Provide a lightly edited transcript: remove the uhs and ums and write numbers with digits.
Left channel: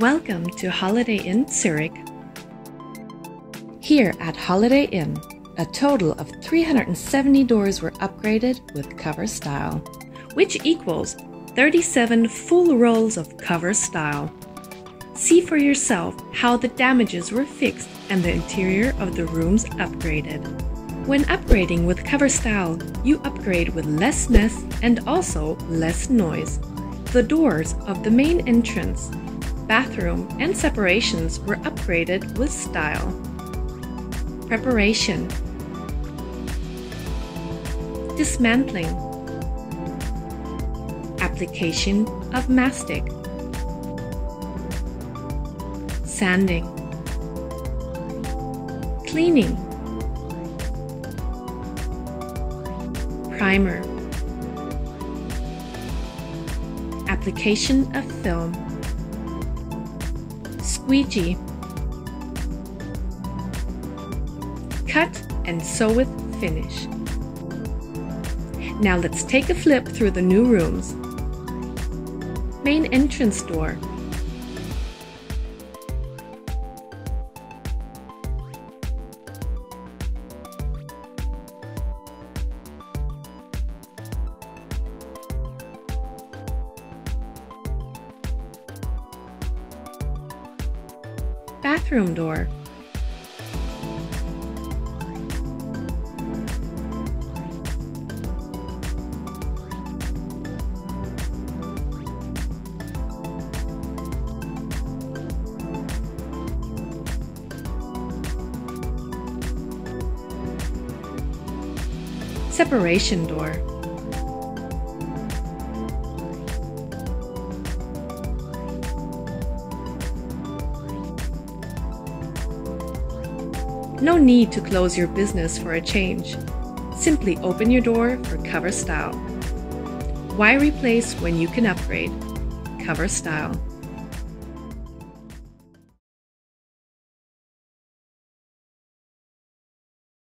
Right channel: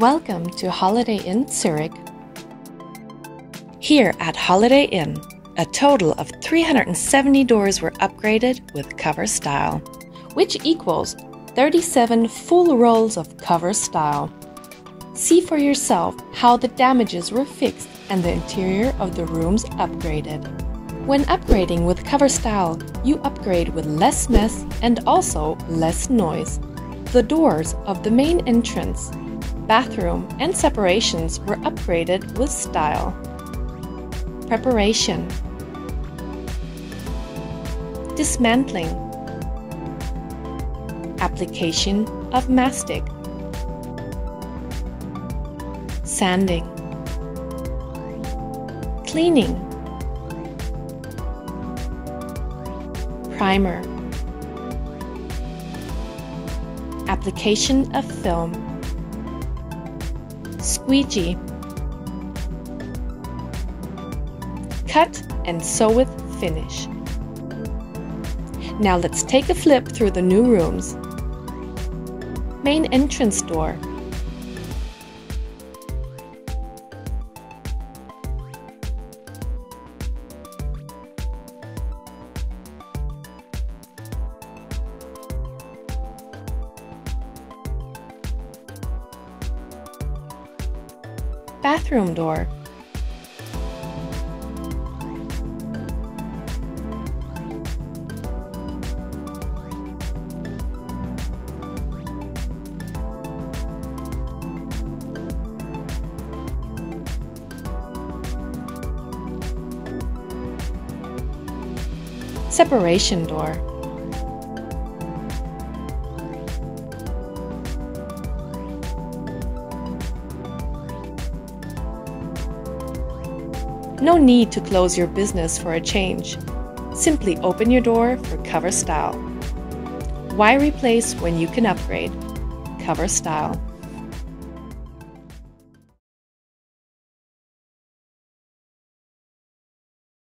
Welcome to Holiday Inn Zürich. Here at Holiday Inn, a total of 370 doors were upgraded with cover style, which equals 37 full rolls of cover style. See for yourself how the damages were fixed and the interior of the rooms upgraded. When upgrading with cover style, you upgrade with less mess and also less noise. The doors of the main entrance, bathroom, and separations were upgraded with style. Preparation, dismantling, application of mastic, sanding, cleaning, primer, application of film, squeegee, cut and sew with finish. Now let's take a flip through the new rooms. Main entrance door, bathroom door, separation door, no need to close your business for a change. Simply open your door for cover style. Why replace when you can upgrade? Cover style.